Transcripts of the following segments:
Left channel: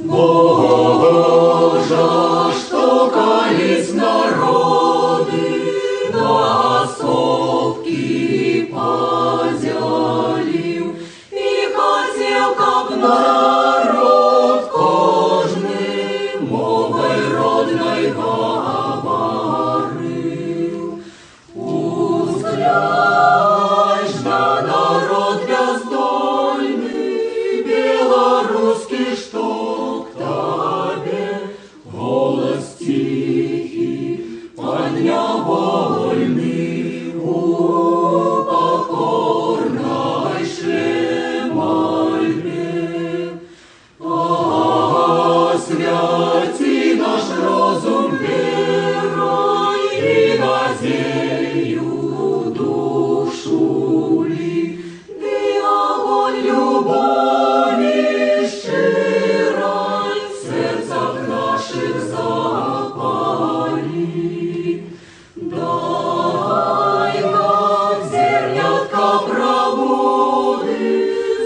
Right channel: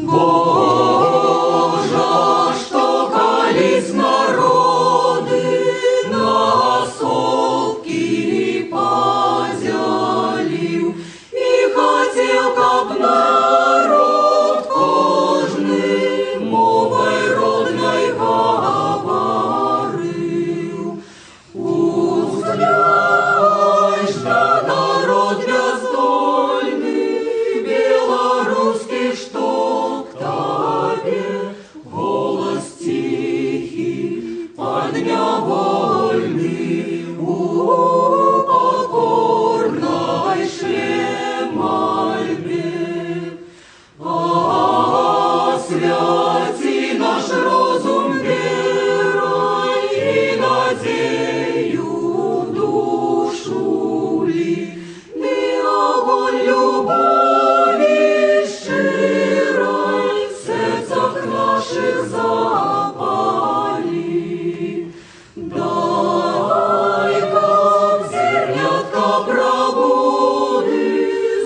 Божа, что колись народы на совки подзялив, и хотел, как народ кожный мовой родной говорил. Узгляешь на народ бездольный, белорусский, что поднявольный у покорнейшей мольбе. Освяти наш розум верой и надею душу ли, и огонь любови щирой в сердцах наших запали. Дай нам зернятка пробуды,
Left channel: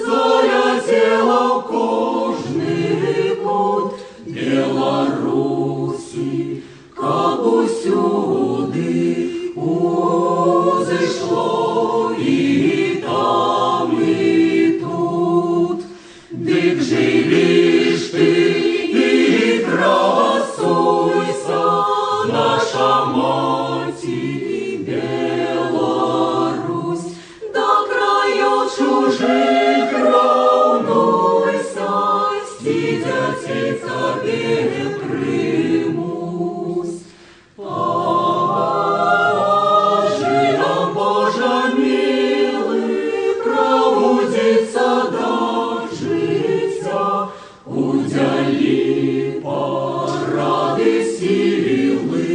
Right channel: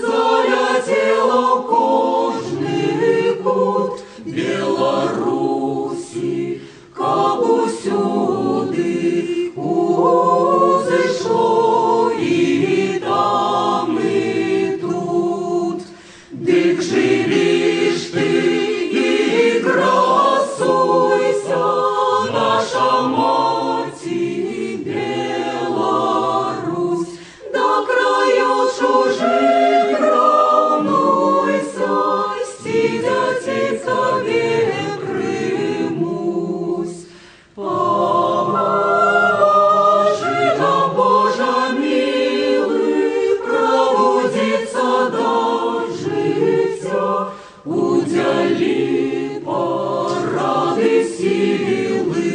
залетела в кожный кут Беларуси, как усюди узышло и там, и тут. Дык живиш ты и красуйся, наша Беларусь, до краев чужих равнуйся, стидяти тебе примусь. Пожи нам, Боже милый, пробудиться до життя, удели порады силы.